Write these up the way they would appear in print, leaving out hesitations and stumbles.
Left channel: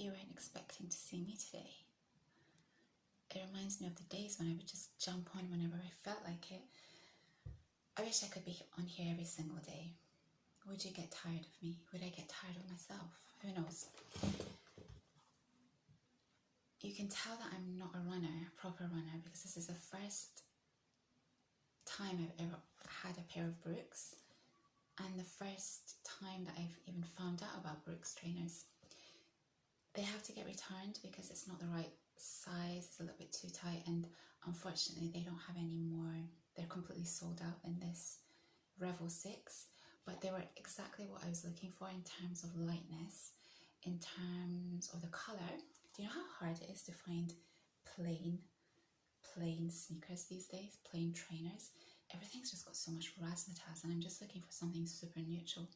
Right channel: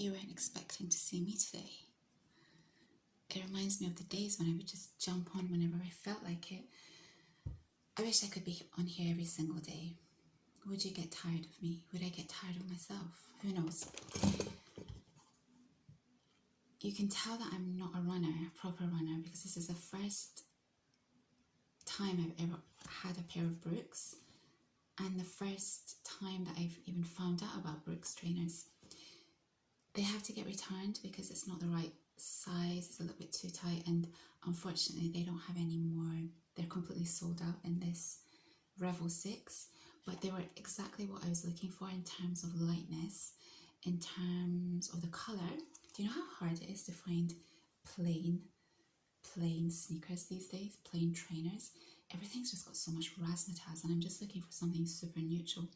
bet you weren't expecting to see me today. It reminds me of the days when I would just jump on whenever I felt like it. I wish I could be on here every single day. Would you get tired of me? Would I get tired of myself? Who knows? You can tell that I'm not a runner, a proper runner, because this is the first time I've ever had a pair of Brooks, and the first time that I've even found out about Brooks trainers. They have to get returned because it's not the right size, it's a little bit too tight, and unfortunately they don't have any more. They're completely sold out in this Revel 6, but they were exactly what I was looking for in terms of lightness, in terms of the colour. Do you know how hard it is to find plain sneakers these days, plain trainers? Everything's just got so much razzmatazz, and I'm just looking for something super neutral.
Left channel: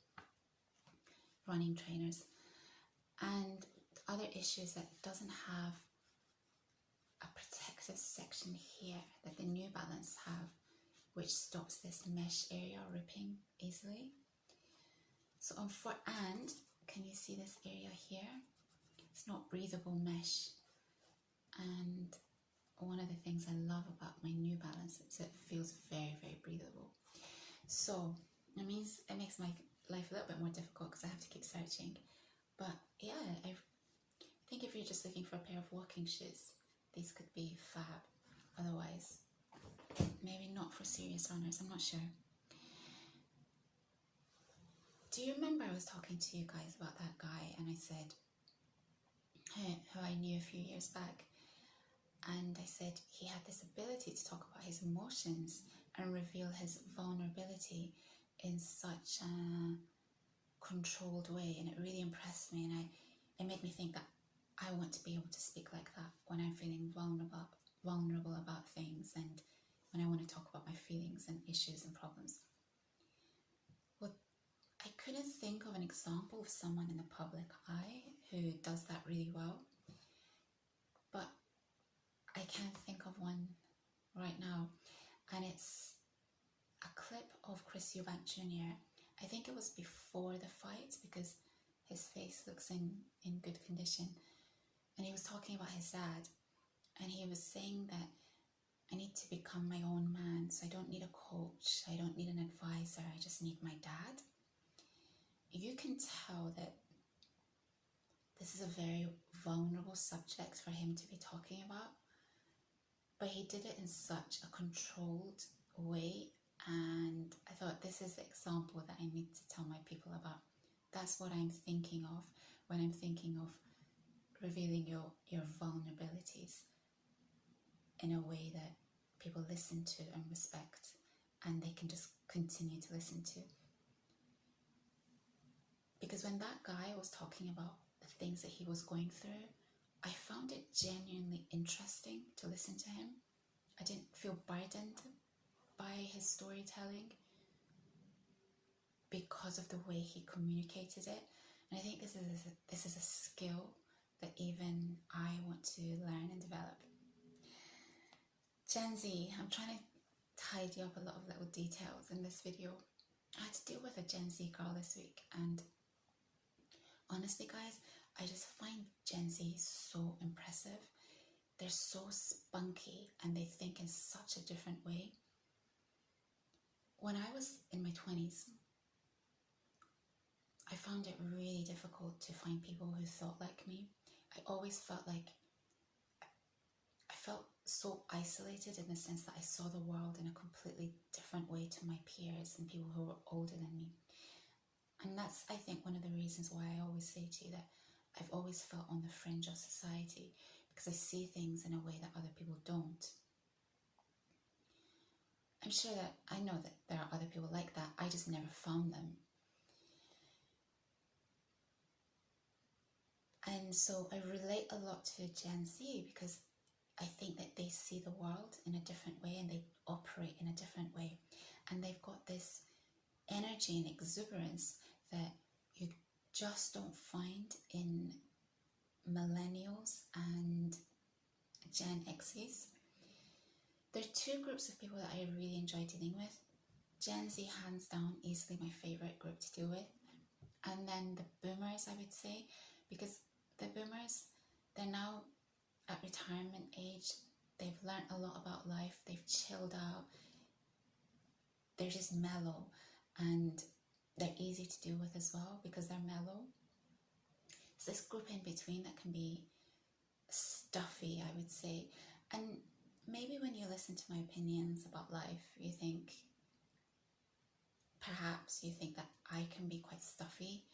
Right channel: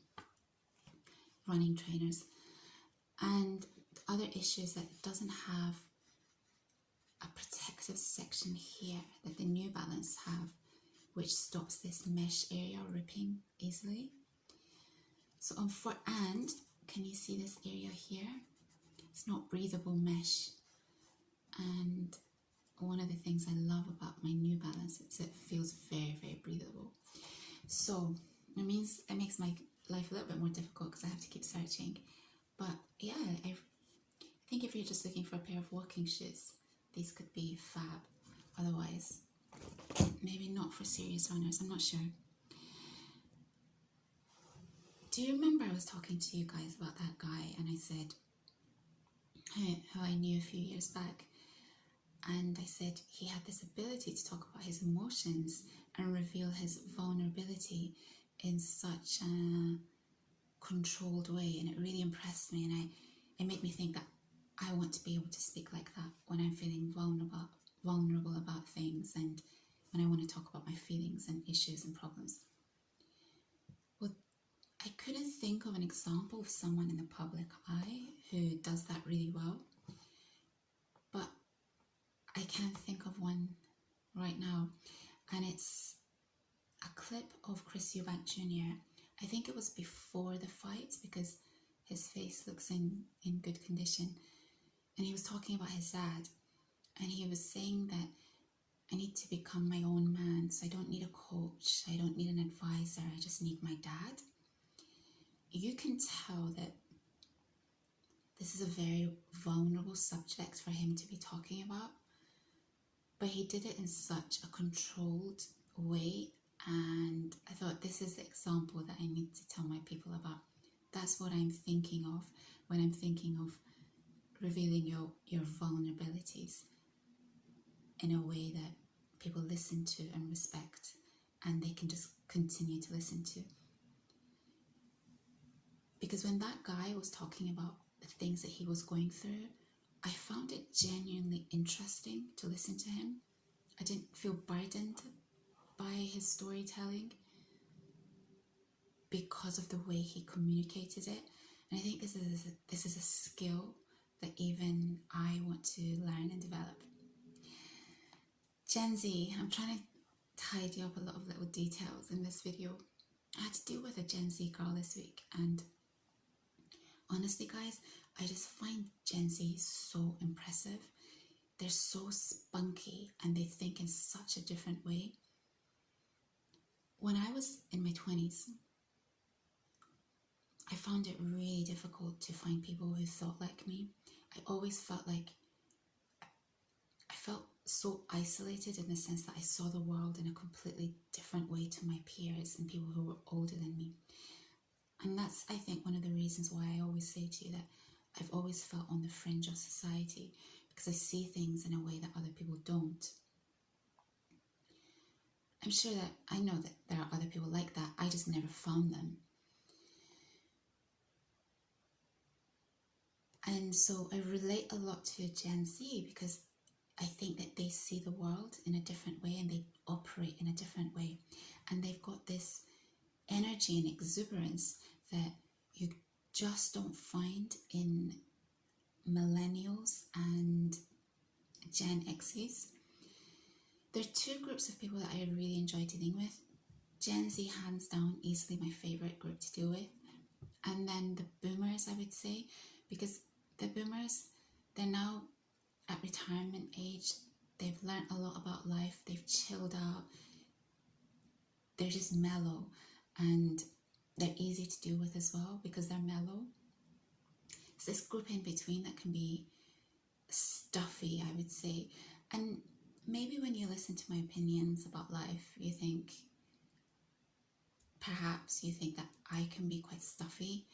Running trainers. And the other issue is that it doesn't have a protective section here that the New Balance have, which stops this mesh area ripping easily. So and can you see this area here? It's not breathable mesh, and one of the things I love about my New Balance is it feels very, very breathable. So it makes my life a little bit more difficult because I have to keep searching. But yeah, I think if you're just looking for a pair of walking shoes, these could be fab. Otherwise, maybe not for serious runners, I'm not sure. Do you remember I was talking to you guys about that guy, and I said who I knew a few years back, and I said he had this ability to talk about his emotions and reveal his vulnerability in such a controlled way, and it really impressed me, and it made me think that I want to be able to speak like that when I'm feeling vulnerable about things, and when I want to talk about my feelings and issues and problems. Well, I couldn't think of an example of someone in the public eye who does that really well, but I can't think of one right now, and it's a clip of Eubank Jr. I think it was before the fight because his face looks in good condition, and he was talking about his dad, and he was saying that I need to become my own man, so I don't need a coach, I don't need an advisor, I just need my dad. You can tell that this is a very vulnerable subject for him to be talking about, but he did it in such a controlled way, and I thought this is the example that I need to tell my people about. That's what I'm thinking of when I'm thinking of revealing your vulnerabilities in a way that people listen to and respect, and they can just continue to listen to. Because when that guy was talking about the things that he was going through, I found it genuinely interesting to listen to him. I didn't feel burdened by his storytelling because of the way he communicated it. And I think this is a skill that even I want to learn and develop. Gen Z, I'm trying to tidy up a lot of little details in this video. I had to deal with a Gen Z girl this week, and honestly guys, I just find Gen Z so impressive. They're so spunky and they think in such a different way. When I was in my 20s, I found it really difficult to find people who thought like me. I always felt like I felt so isolated in the sense that I saw the world in a completely different way to my peers and people who were older than me. And that's, I think, one of the reasons why I always say to you that I've always felt on the fringe of society, because I see things in a way that other people don't. I'm sure that I know that there are other people like that, I just never found them. And so I relate a lot to Gen Z because I think that they see the world in a different way and they operate in a different way. And they've got this energy and exuberance that you just don't find in millennials and Gen X's. There are two groups of people that I really enjoy dealing with. Gen Z, hands down, easily my favorite group to deal with. And then the boomers, I would say, because the boomers, they're now at retirement age. They've learned a lot about life. They've chilled out. They're just mellow, and they're easy to deal with as well because they're mellow. It's this group in between that can be stuffy, I would say. And maybe when you listen to my opinions about life, you think, perhaps you think that I can be quite stuffy,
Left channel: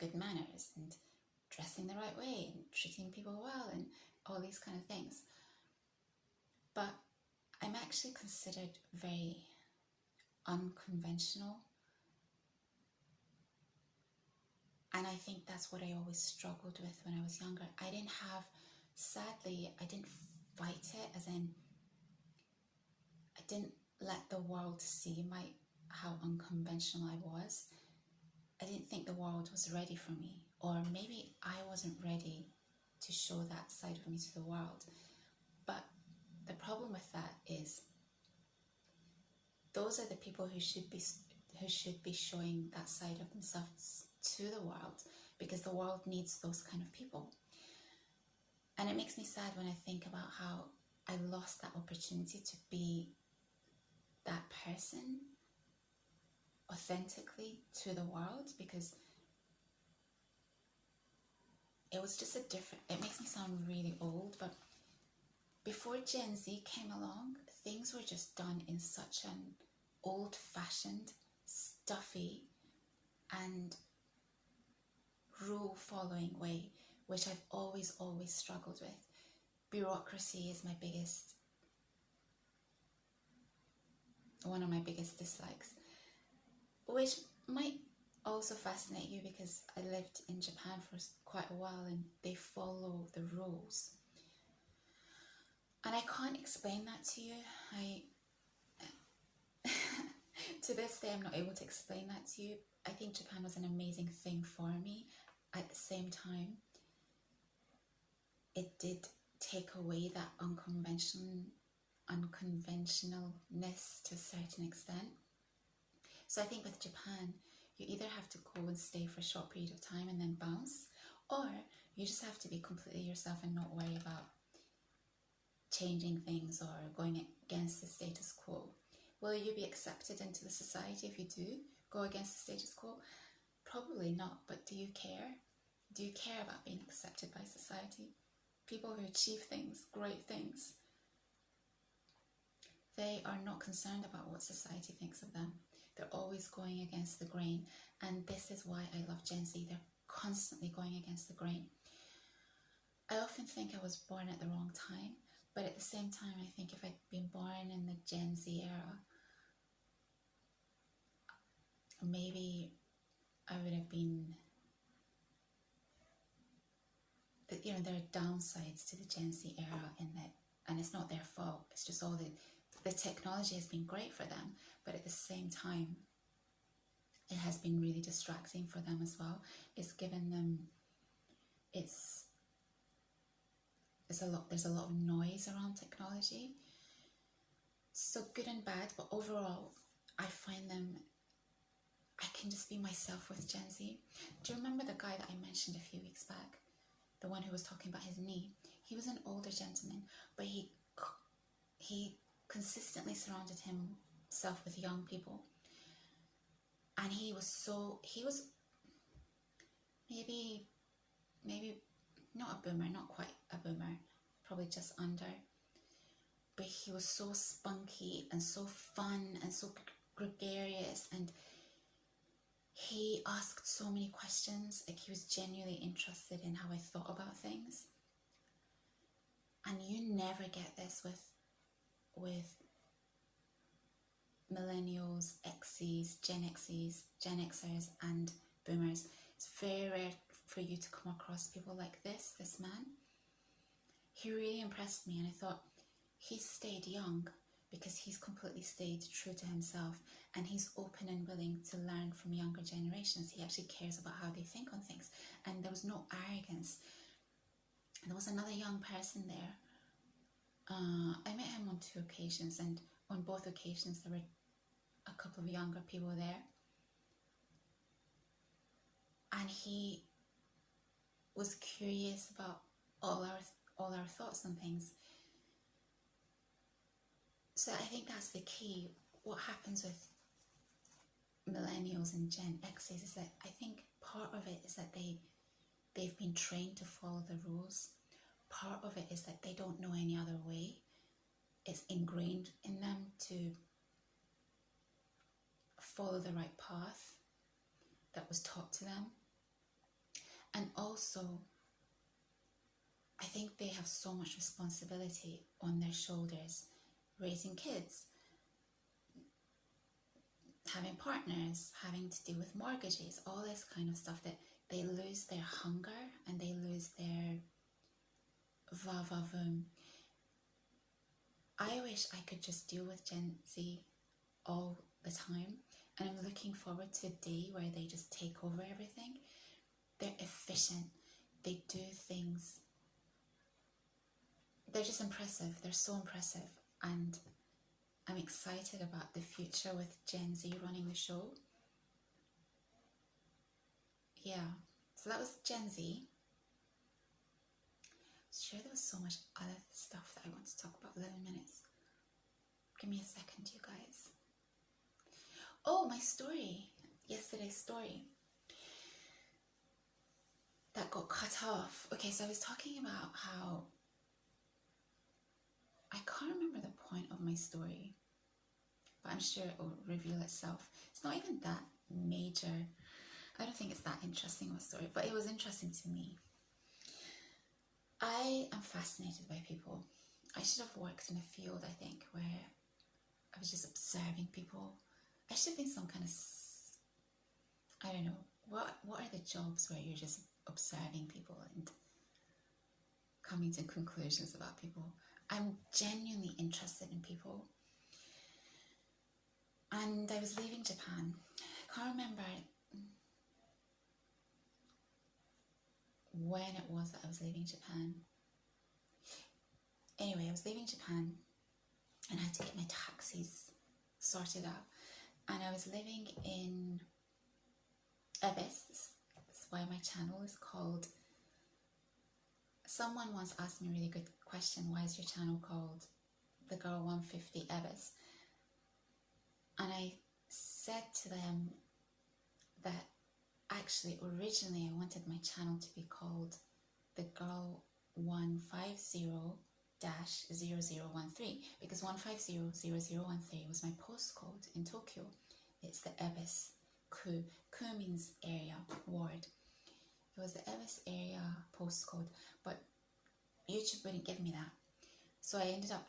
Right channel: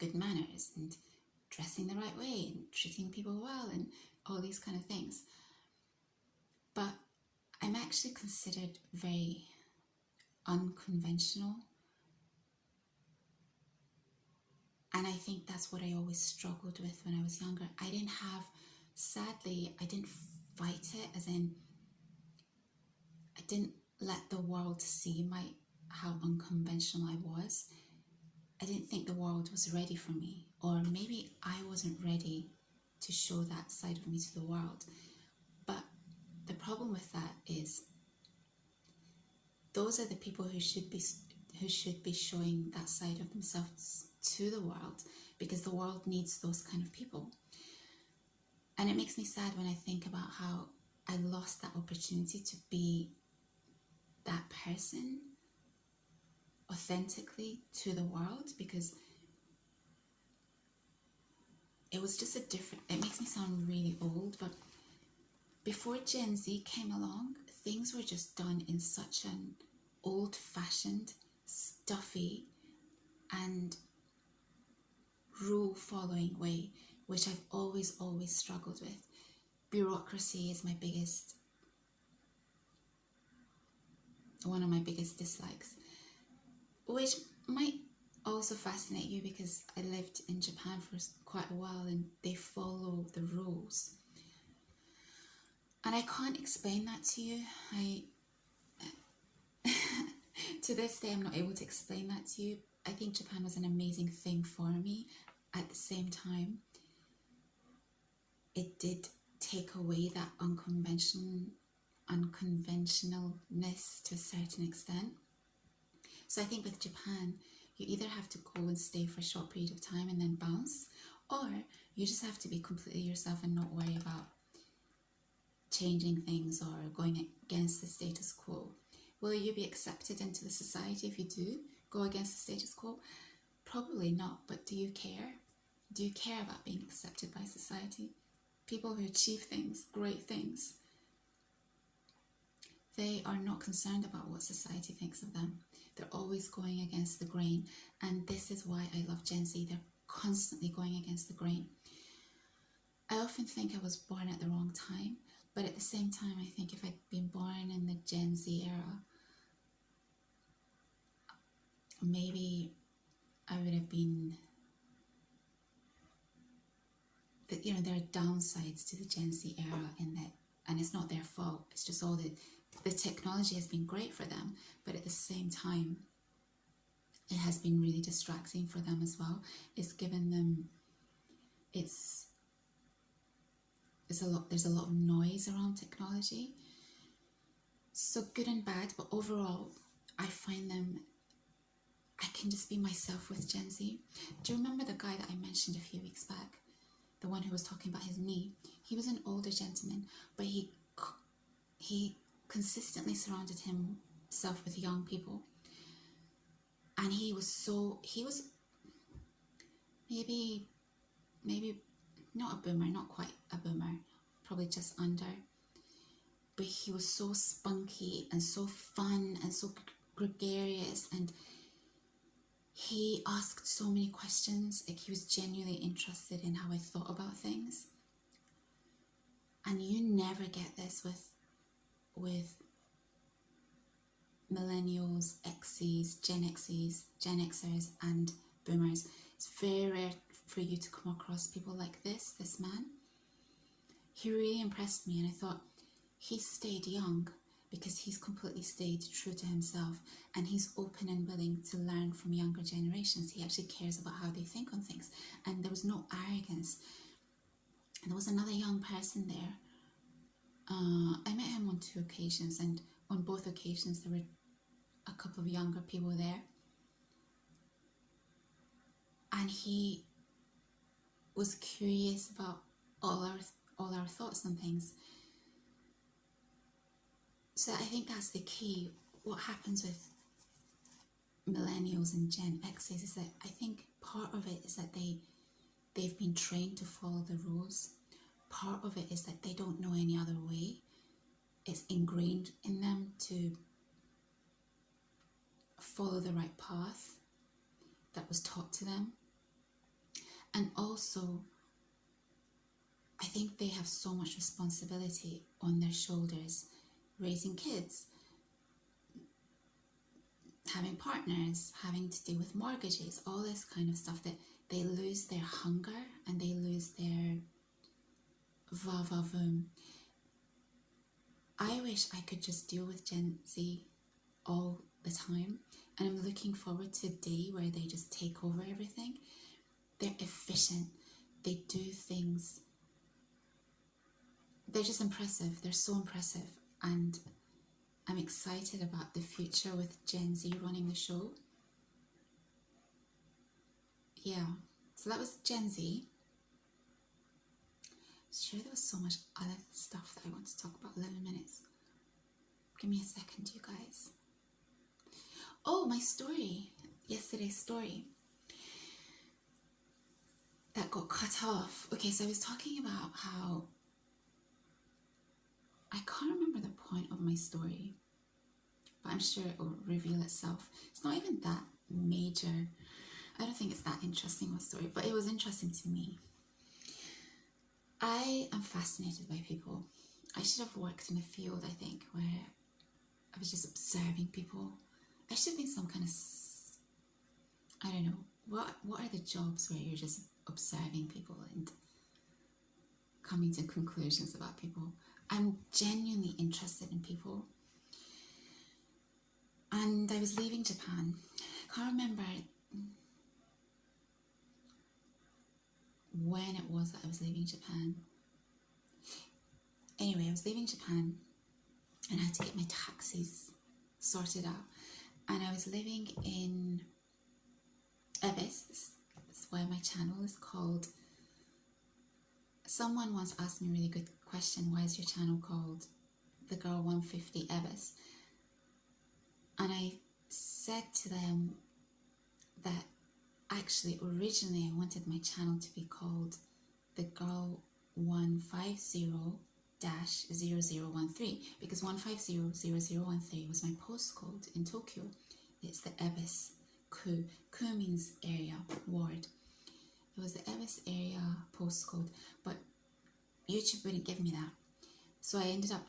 good manners and dressing the right way and treating people well and all these kind of things. But I'm actually considered very unconventional. And I think that's what I always struggled with when I was younger. Sadly, I didn't fight it, as in, I didn't let the world see how unconventional I was. I didn't think the world was ready for me, or maybe I wasn't ready to show that side of me to the world. But the problem with that is those are the people who should be showing that side of themselves to the world, because the world needs those kind of people. And it makes me sad when I think about how I lost that opportunity to be that person authentically to the world, because it was just it makes me sound really old, but before Gen Z came along, things were just done in such an old-fashioned, stuffy, and rule-following way, which I've always struggled with. Bureaucracy is one of my biggest dislikes, which might also fascinate you because I lived in Japan for quite a while and they follow the rules. And I can't explain that to you. To this day, I'm not able to explain that to you. I think Japan was an amazing thing for me. At the same time, it did take away that unconventionalness to a certain extent. So I think with Japan, you either have to go and stay for a short period of time and then bounce, or you just have to be completely yourself and not worry about changing things or going against the status quo. Will you be accepted into the society if you do go against the status quo? Probably not, but do you care? Do you care about being accepted by society? People who achieve things, great things, they are not concerned about what society thinks of them. They're always going against the grain. And this is why I love Gen Z. They're constantly going against the grain. I often think I was born at the wrong time, but at the same time, I think if I'd been born in the Gen Z era, maybe I would have been... there are downsides to the Gen Z era in that, and it's not their fault. It's just all the technology has been great for them, but at the same time, it has been really distracting for them as well. It's given them, there's a lot of noise around technology. So good and bad, but overall, I can just be myself with Gen Z. Do you remember the guy that I mentioned a few weeks back? The one who was talking about his knee? He was an older gentleman, but he consistently surrounded himself with young people. And he was maybe not a boomer, not quite a boomer, probably just under. But he was so spunky and so fun and so gregarious, and he asked so many questions. Like, he was genuinely interested in how I thought about things. And you never get this with millennials, X's, Gen Xers, and boomers. It's very rare for you to come across people like this man. He really impressed me, and I thought, he stayed young because he's completely stayed true to himself, and he's open and willing to learn from younger generations. He actually cares about how they think on things, and there was no arrogance. And there was another young person there. I met him on 2 occasions, and on both occasions there were a couple of younger people there. And he was curious about all our thoughts on things. So I think that's the key. What happens with millennials and Gen X's is that I think part of it is that they've been trained to follow the rules. Part of it is that they don't know any other way. It's ingrained in them to follow the right path that was taught to them. And also, I think they have so much responsibility on their shoulders, raising kids, having partners, having to deal with mortgages, all this kind of stuff, that they lose their hunger and they lose their va-va-voom. I wish I could just deal with Gen Z all the time, and I'm looking forward to a day where they just take over everything. They're efficient, they do things, they're just impressive, they're so impressive, and I'm excited about the future with Gen Z running the show. Yeah, so that was Gen Z. Sure, there was so much other stuff that I want to talk about. 11 minutes. Give me a second, you guys. Oh, my story. Yesterday's story. That got cut off. Okay, so I was talking about how I can't remember the point of my story, but I'm sure it will reveal itself. It's not even that major. I don't think it's that interesting of a story, but it was interesting to me. I am fascinated by people. I should have worked in a field, I think, where I was just observing people. I should think some kind of, I don't know, what are the jobs where you're just observing people and coming to conclusions about people? I'm genuinely interested in people. And I was leaving Japan. I can't remember when it was that I was leaving Japan. Anyway, I was leaving Japan and I had to get my taxis sorted out. And I was living in Abyss. That's why my channel is called. Someone once asked me a really good question: why is your channel called The Girl 150 Abyss? And I said to them that actually originally I wanted my channel to be called The Girl 150-0013, because 150-0013 was my postcode in Tokyo. It's the Abyss Ku. Ku means area, ward. It was the Abyss area postcode, but YouTube wouldn't give me that. So I ended up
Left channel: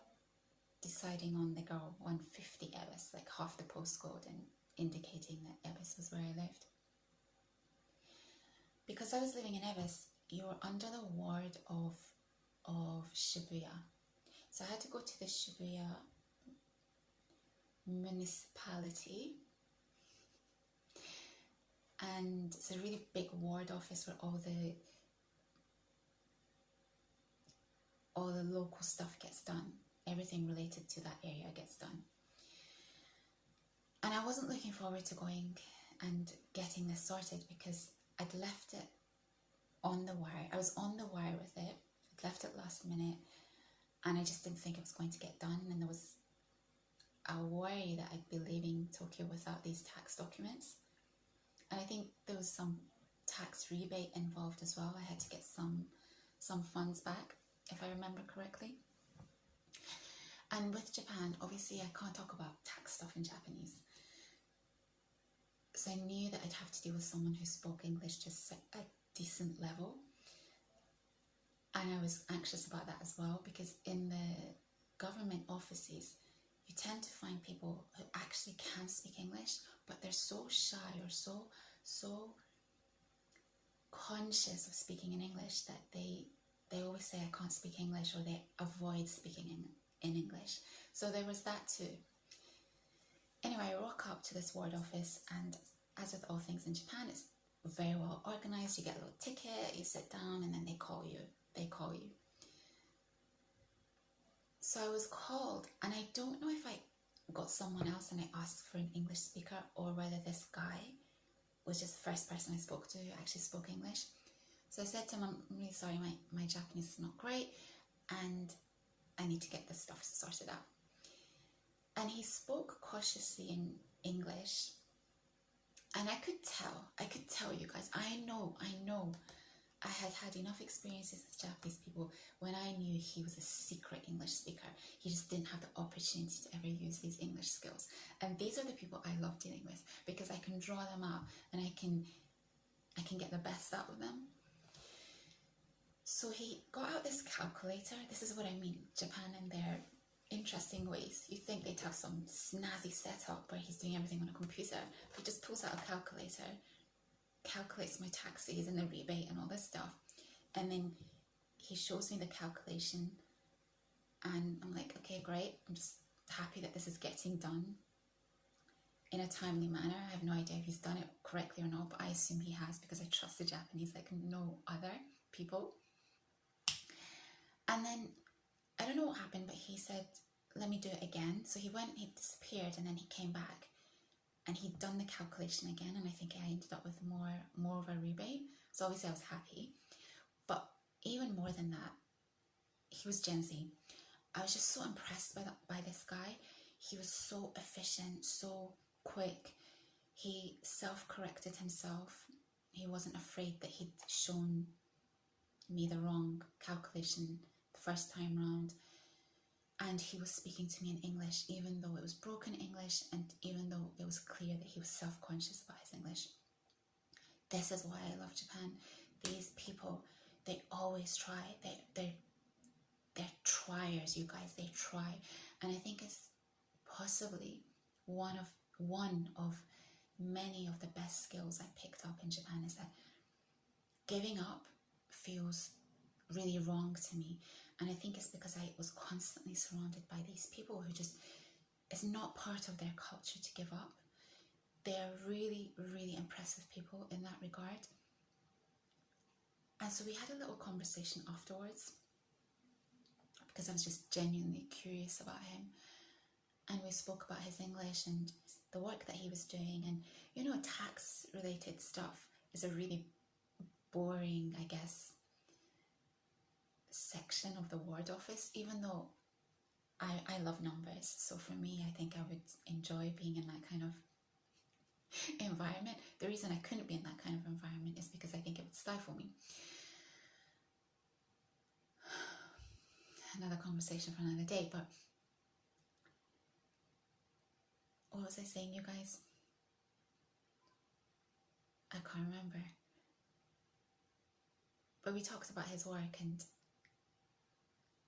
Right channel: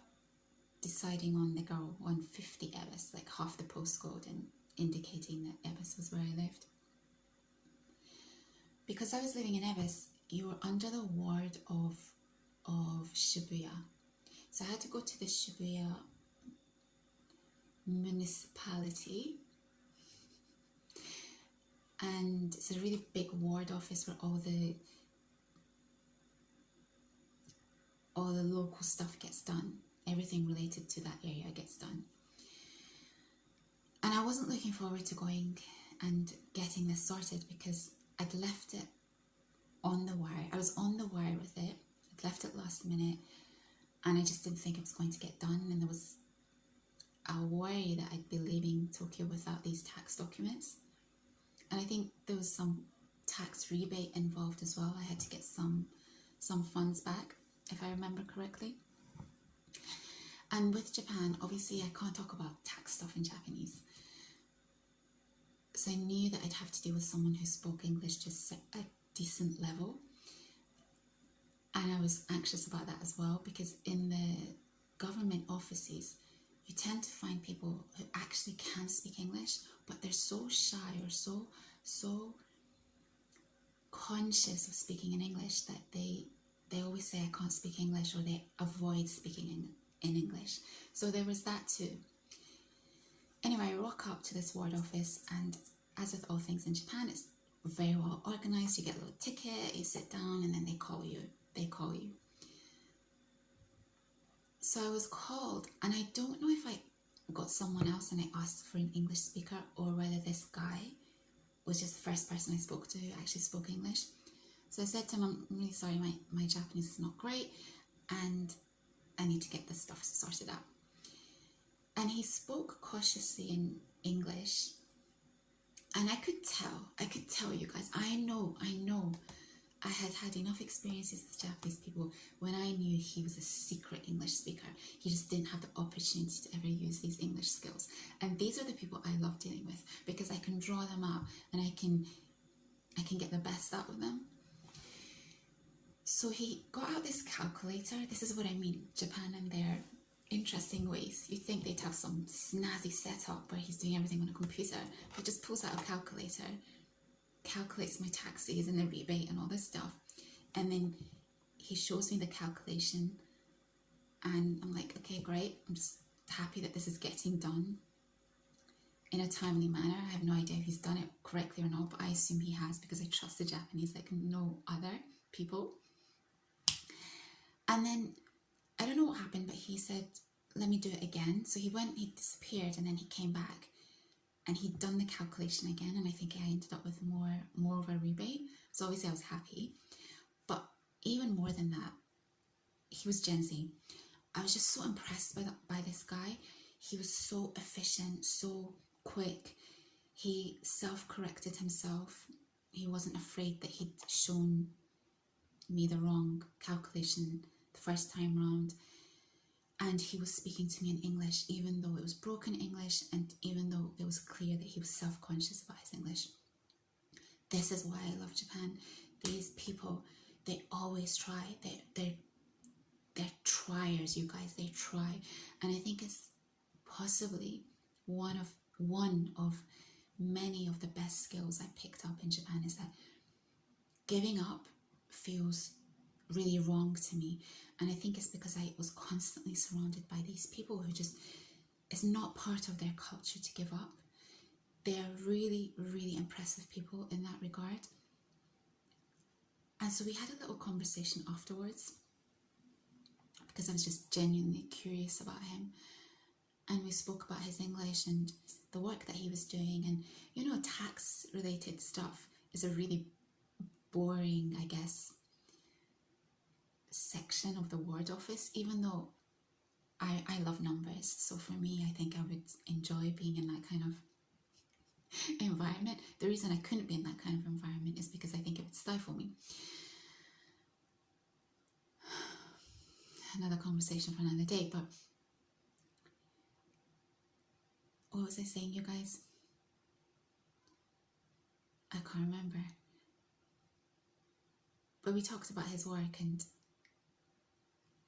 deciding on the Girl 150 Abyss, like half the postcode, and indicating that Abyss was where I lived. Because I was living in Abyss, you were under the ward of Shibuya. So I had to go to the Shibuya municipality, and it's a really big ward office where all the local stuff gets done. Everything related to that area gets done. And I wasn't looking forward to going and getting this sorted, because I'd left it on the wire. I was on the wire with it. I'd left it last minute, and I just didn't think it was going to get done. And there was a worry that I'd be leaving Tokyo without these tax documents. And I think there was some tax rebate involved as well. I had to get some funds back, if I remember correctly. And with Japan, obviously I can't talk about tax stuff in Japanese. So I knew that I'd have to deal with someone who spoke English to a decent level. And I was anxious about that as well, because in the government offices, you tend to find people who actually can speak English, but they're so shy or so conscious of speaking in English that they always say, I can't speak English, or they avoid speaking in English. So there was that too. Anyway, I rock up to this ward office, and as with all things in Japan, it's very well organized. You get a little ticket, you sit down, and then they call you. So I was called, and I don't know if I got someone else and I asked for an English speaker, or whether this guy was just the first person I spoke to who actually spoke English. So I said to him, I'm really sorry, my Japanese is not great and I need to get this stuff sorted out. And he spoke cautiously in English, and I could tell you guys, I know I had had enough experiences with Japanese people when I knew he was a secret English speaker. He just didn't have the opportunity to ever use these English skills. And these are the people I love dealing with, because I can draw them out and I can get the best out of them. So he got out this calculator. This is what I mean, Japan and their interesting ways. You think they'd have some snazzy setup where he's doing everything on a computer. He just pulls out a calculator, calculates my taxes and the rebate and all this stuff, and then he shows me the calculation, and I'm like, okay, great. I'm just happy that this is getting done in a timely manner. I have no idea if he's done it correctly or not, but I assume he has, because I trust the Japanese like no other people. And then I don't know what happened, but he said, let me do it again. So he went, he disappeared, and then he came back and he'd done the calculation again, and I think I ended up with more of a rebate. So obviously I was happy. But even more than that, he was Gen Z. I was just so impressed by this guy. He was so efficient, so quick. He self-corrected himself. He wasn't afraid that he'd shown me the wrong calculation the first time round. And he was speaking to me in English, even though it was broken English, and even though it was clear that he was self-conscious about his English. This is why I love Japan. These people, they always try. They're triers, you guys. They try. And I think it's possibly one of many of the best skills I picked up in Japan, is that giving up feels really wrong to me. And I think it's because I was constantly surrounded by these people who just, it's not part of their culture to give up. They're really, really impressive people in that regard. And so we had a little conversation afterwards, because I was just genuinely curious about him. And we spoke about his English and the work that he was doing. And, you know, tax related stuff is a really boring, I guess, section of the ward office, even though I love numbers. So for me, I think I would enjoy being in that kind of environment. The reason I couldn't be in that kind of environment is because I think it would stifle me. Another conversation for another day. But what was I saying, you guys? I can't remember. But we talked about his work, and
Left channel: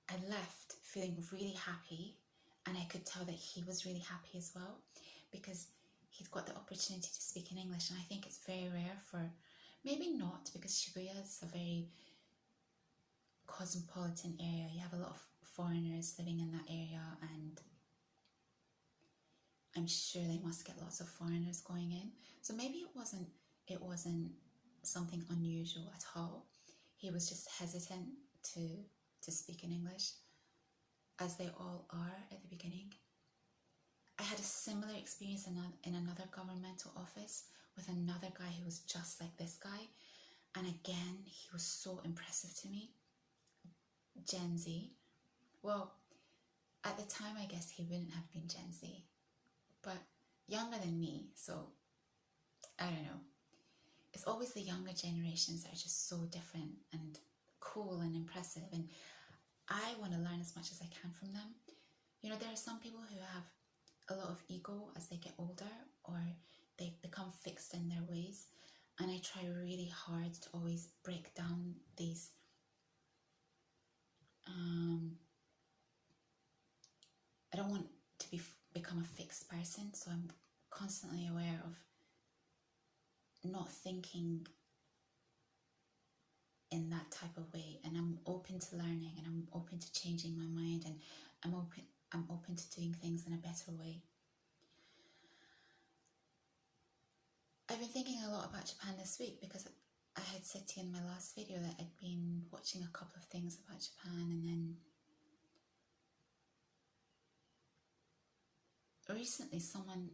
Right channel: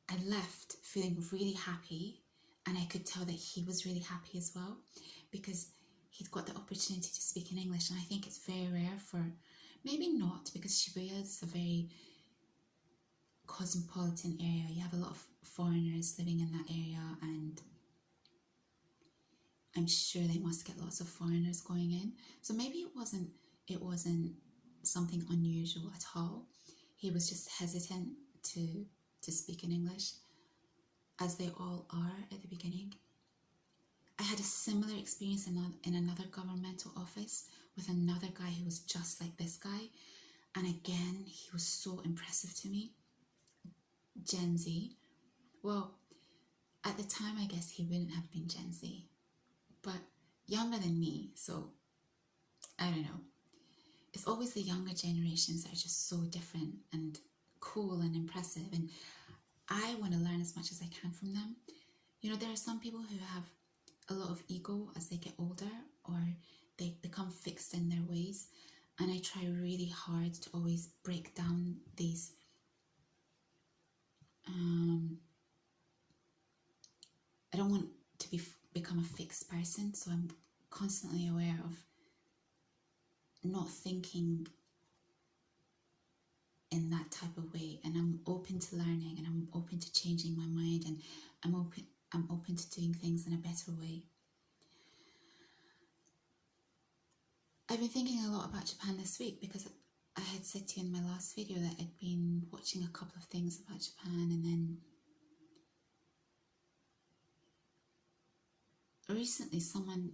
I left feeling really happy, and I could tell that he was really happy as well, because he'd got the opportunity to speak in English. And I think it's very rare for, maybe not, because Shibuya is a very cosmopolitan area. You have a lot of foreigners living in that area, and I'm sure they must get lots of foreigners going in. So maybe it wasn't something unusual at all. He was just hesitant to speak in English, as they all are at the beginning. I had a similar experience in another governmental office with another guy who was just like this guy. And again, he was so impressive to me. Gen Z. Well, at the time, I guess he wouldn't have been Gen Z, but younger than me. So I don't know. It's always the younger generations that are just so different and cool and impressive. And I want to learn as much as I can from them. You know, there are some people who have a lot of ego as they get older, or they become fixed in their ways. And I try really hard to always break down these I don't want to become a fixed person, so I'm constantly aware of not thinking in that type of way, and I'm open to learning, and I'm open to changing my mind, and I'm open to doing things in a better way. I've been thinking a lot about Japan this week, because I had said to you in my last video that I'd been watching a couple of things about Japan, and then recently someone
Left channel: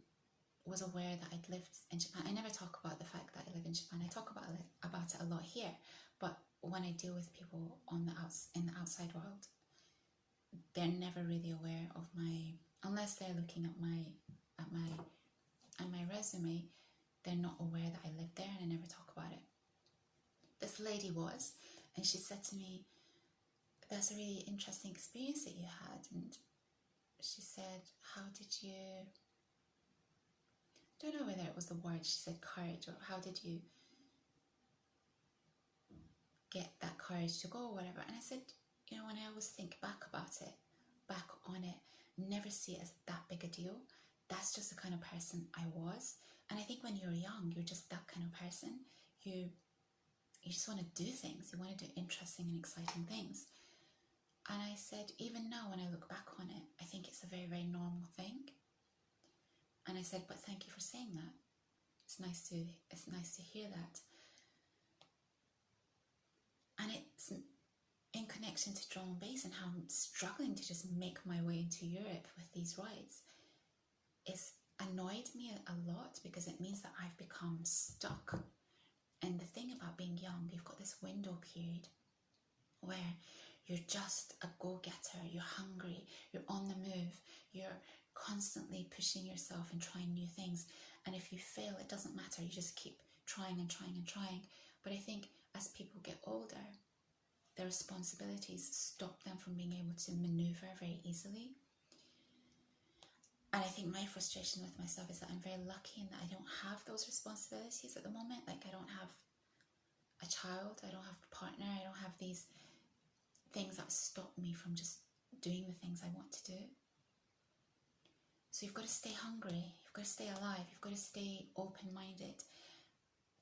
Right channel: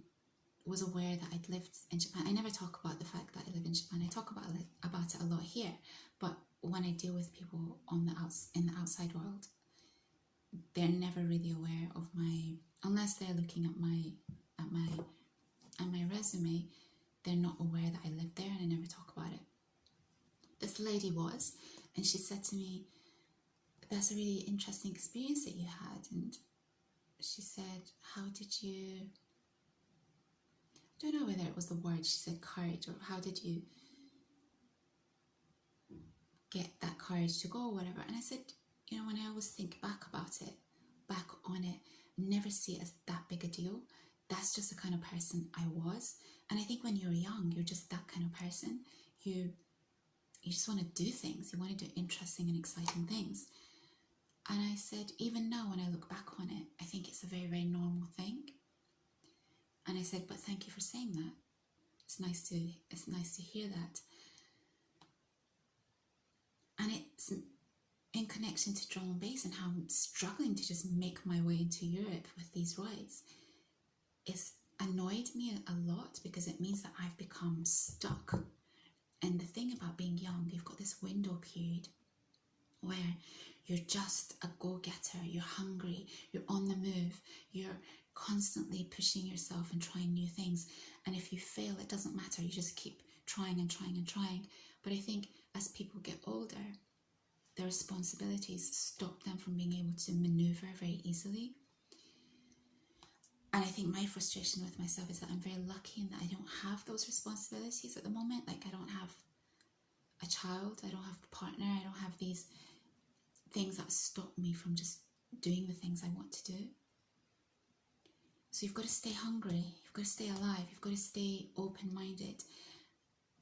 was aware that I'd lived in Japan. I never talk about the fact that I live in Japan. I talk about it a lot here, but when I deal with people on in the outside world, they're never really aware of unless they're looking at my resume, they're not aware that I live there, and I never talk about it. This lady was, and she said to me, "That's a really interesting experience that you had." And she said, "How did you," I don't know whether it was the word, she said courage, or how did you get that courage to go, or whatever. And I said, when I always think back on it, never see it as that big a deal. That's just the kind of person I was. And I think when you're young, you're just that kind of person. You just want to do things. You want to do interesting and exciting things. And I said, even now when I look back on it, I think it's a very, very normal thing. And I said, but thank you for saying that. It's nice to hear that. And it's in connection to drum and bass and how I'm struggling to just make my way into Europe with these rides. It's annoyed me a lot because it means that I've become stuck. And the thing about being young, you've got this window period where you're just a go-getter, you're hungry, you're on the move, you're constantly pushing yourself and trying new things. And if you fail, it doesn't matter, you just keep trying and trying and trying. But I think as people get older, their responsibilities stop them from being able to maneuver very easily. And I think my frustration with myself is that I'm very lucky in that I don't have those responsibilities at the moment. Like, I don't have a child, I don't have a partner, I don't have these things that stop me from just doing the things I want to do. So you've got to stay hungry, you've got to stay alive, you've got to stay open-minded.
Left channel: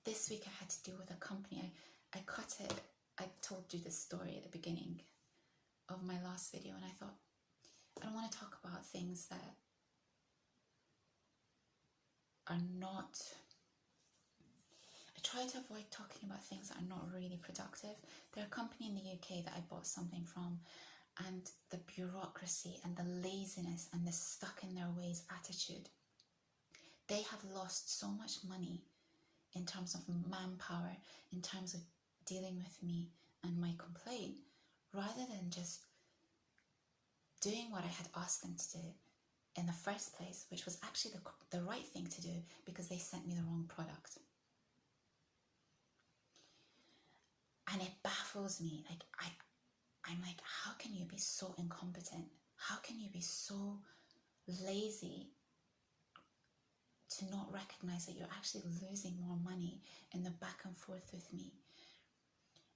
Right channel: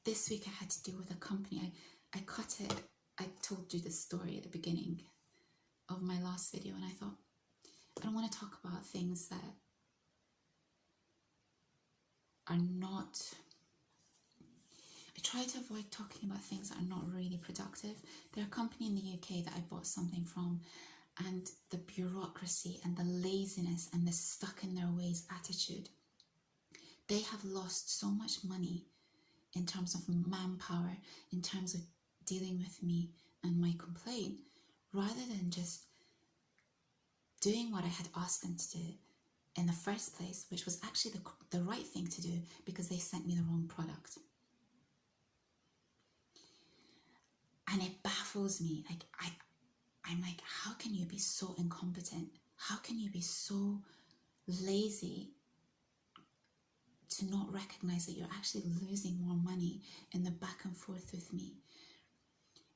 This week I had to deal with a company. I cut it. I told you the story at the beginning of my last video, and I thought, I don't want to talk about things that are not, I try to avoid talking about things that are not really productive. They're a company in the UK that I bought something from, and the bureaucracy and the laziness and the stuck in their ways attitude, they have lost so much money in terms of manpower, in terms of dealing with me and my complaint, rather than just doing what I had asked them to do in the first place, which was actually the right thing to do, because they sent me the wrong product. And it baffles me. Like, I'm like, how can you be so incompetent? How can you be so lazy to not recognize that you're actually losing more money in the back and forth with me?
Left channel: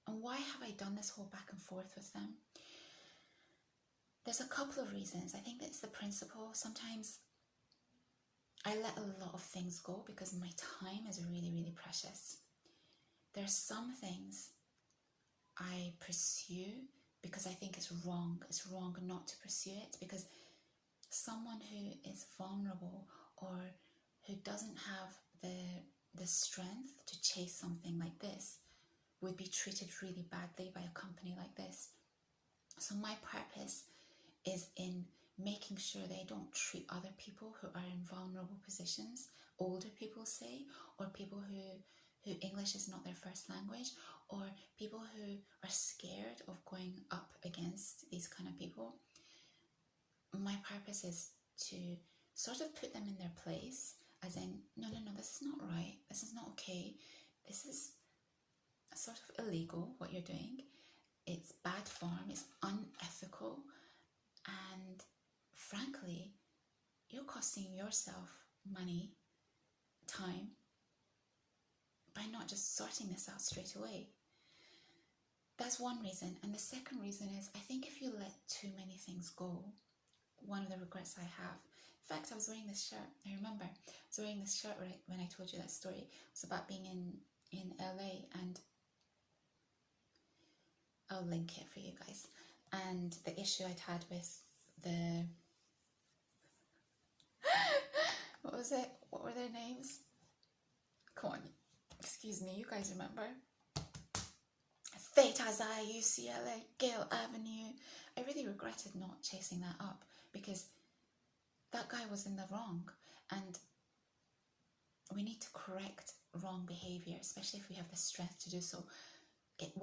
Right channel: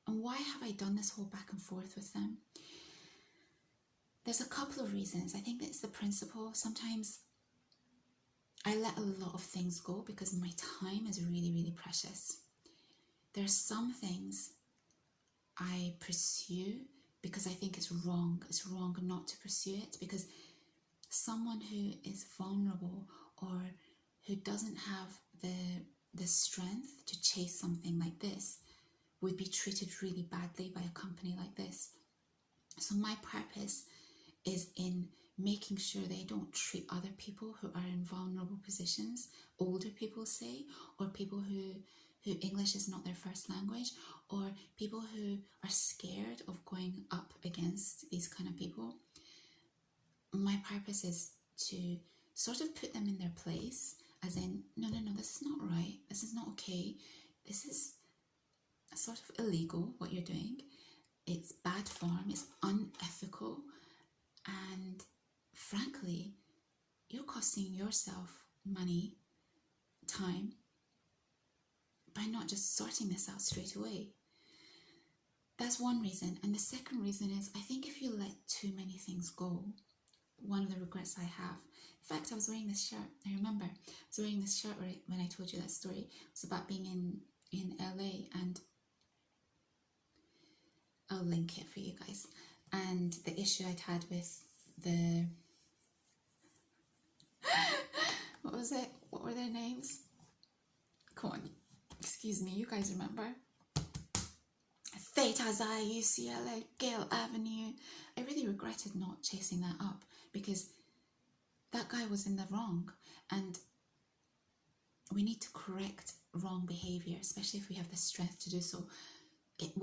And why have I done this whole back and forth with them? There's a couple of reasons. I think it's the principle. Sometimes I let a lot of things go because my time is really, really precious. There are some things I pursue because I think it's wrong. It's wrong not to pursue it, because someone who is vulnerable or who doesn't have the strength to chase something like this would be treated really badly by a company like this. So my purpose is in making sure they don't treat other people who are in vulnerable positions, older people say, or people who English is not their first language, or people who are scared of going up against these kind of people. My purpose is to sort of put them in their place, as in, no, this is not right, this is not okay, this is sort of illegal what you're doing, it's bad form, it's unethical, and frankly, you're costing yourself money, time, by not just sorting this out straight away. That's one reason. And the second reason is, I think if you let too many things go, one of the regrets I have, in fact, I was wearing this shirt, I remember, I was wearing this shirt when I told you that story. It was about being in LA, and I'll link it for you guys. And the issue I'd had with the, what was it? What were their names? Come on, excuse me, you guys remember? Theta, UCLA, Gayle Avenue. I really regretted not chasing that up, because that guy was in the wrong, and we need to correct wrong behavior, especially if we have the strength to do so,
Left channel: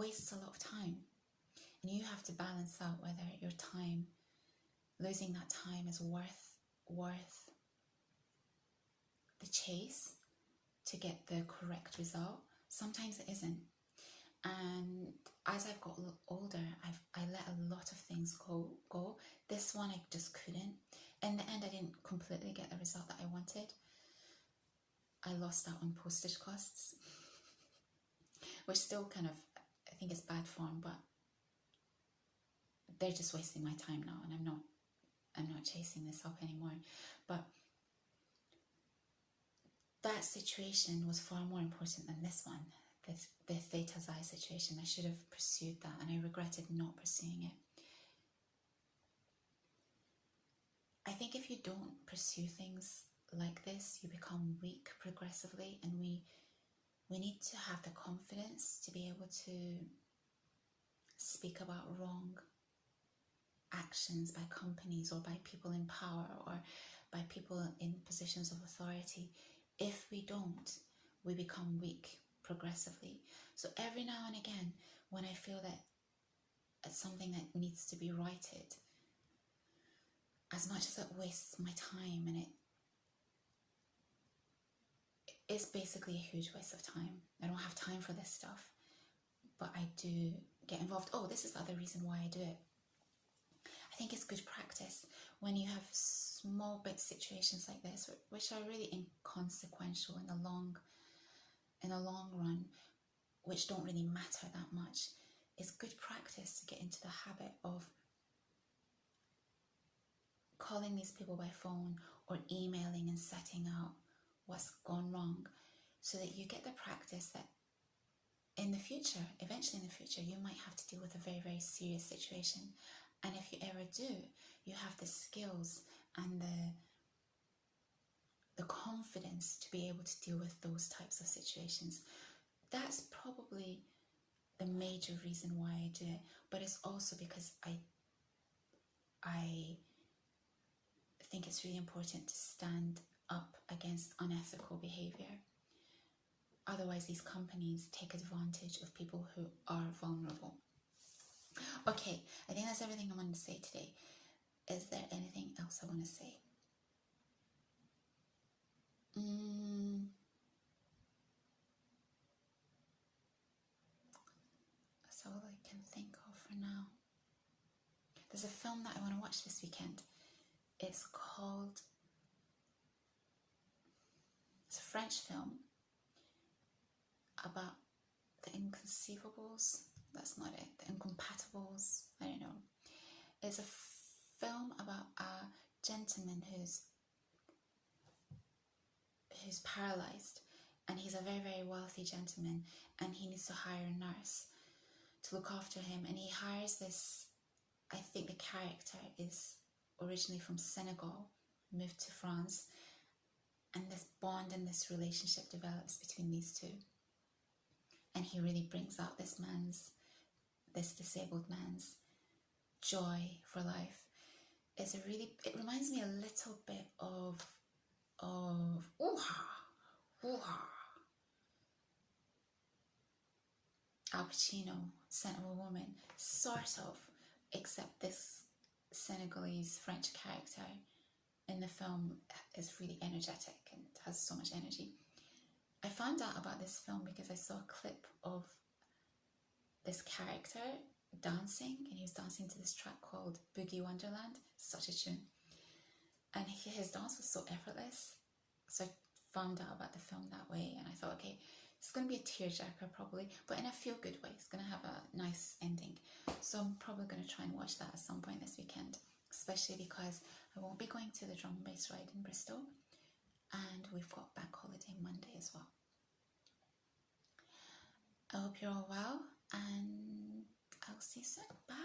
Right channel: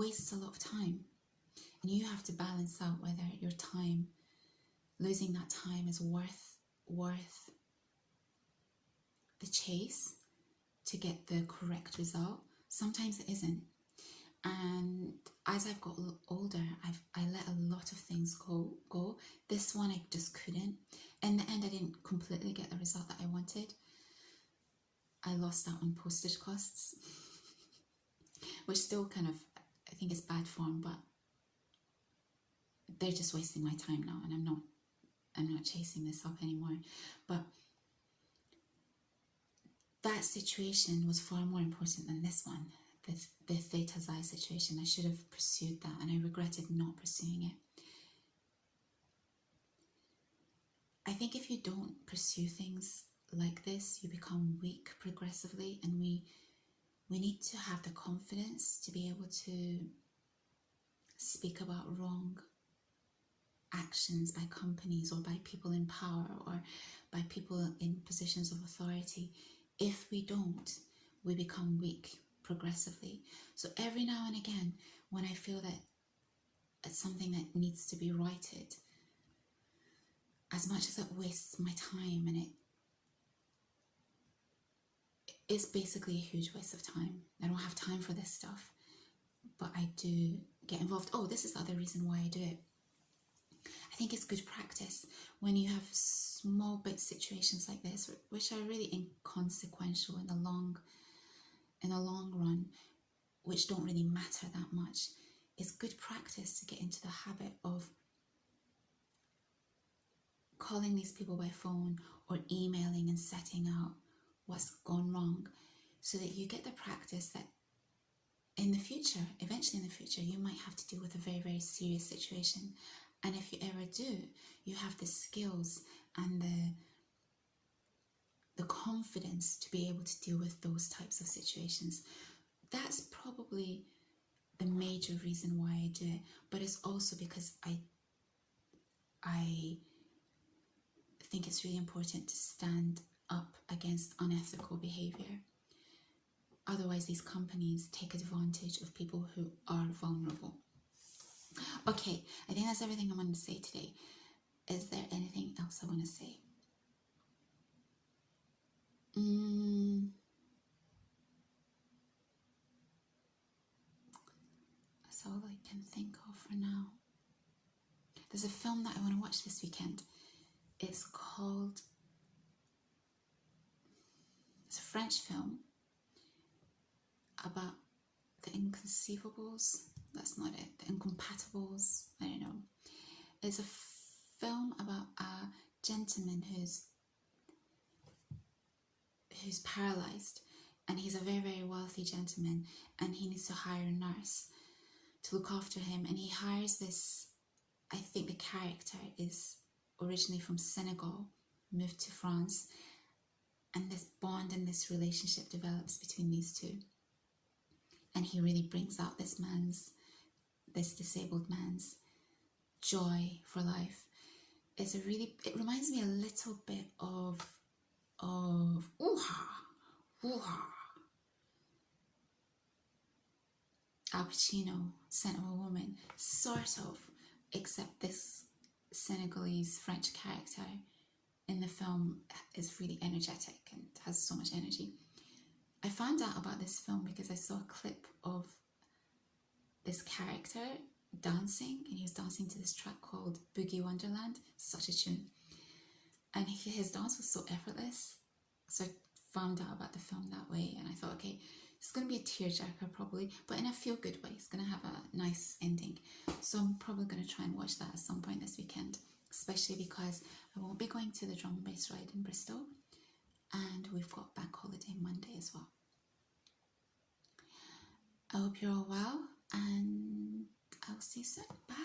wastes a lot of time. And you have to balance out whether your time, losing that time, is worth the chase to get the correct result. Sometimes it isn't. And as I've got older, I let a lot of things go. This one I just couldn't. In the end, I didn't completely get the result that I wanted. I lost out on postage costs, which still kind of, I think, is bad form, but they're just wasting my time now, and I'm not chasing this up anymore. But that situation was far more important than this one, the Theta Xi situation. I should have pursued that, and I regretted not pursuing it. I think if you don't pursue things like this, you become weak progressively, and we need to have the confidence to be able to speak about wrong actions by companies or by people in power or by people in positions of authority. If we don't, we become weak progressively. So every now and again, when I feel that it's something that needs to be righted, as much as it wastes my time, and it's basically a huge waste of time. I don't have time for this stuff, but I do get involved. Oh, this is the other reason why I do it. I think it's good practice when you have small bit situations like this, which are really inconsequential in the long run, which don't really matter that much. It's good practice to get into the habit of calling these people by phone or emailing and setting out what's gone wrong, so that you get the practice that in the future, eventually in the future, you might have to deal with a very, very serious situation. And if you ever do, you have the skills and the confidence to be able to deal with those types of situations. That's probably the major reason why I do it. But it's also because I think it's really important to stand up against unethical behavior. Otherwise, these companies take advantage of people who are vulnerable. Okay, I think that's everything I want to say today. Is there anything else I want to say? That's all I can think of for now. There's a film that I want to watch this weekend. It's a French film about the inconceivables. That's not it. The incompatibles. I don't know. It's a film about a gentleman who's paralyzed, and he's a very, very wealthy gentleman, and he needs to hire a nurse to look after him. And he hires this, I think the character is originally from Senegal, moved to France, and this bond and this relationship develops between these two. And he really brings out this disabled man's joy for life. It reminds me a little bit of Al Pacino, Scent of a Woman, sort of, except this Senegalese French character in the film is really energetic and has so much energy. I found out about this film because I saw a clip of this character dancing, and he was dancing to this track called Boogie Wonderland. Such a tune. And his dance was so effortless. So I found out about the film that way, and I thought, okay, it's going to be a tearjerker probably, but in a feel-good way. It's going to have a nice ending. So I'm probably going to try and watch that at some point this weekend, especially because I won't be going to the drum and bass ride in Bristol, and we've got bank holiday Monday as well. I hope you're all well, and I'll see you soon. Bye.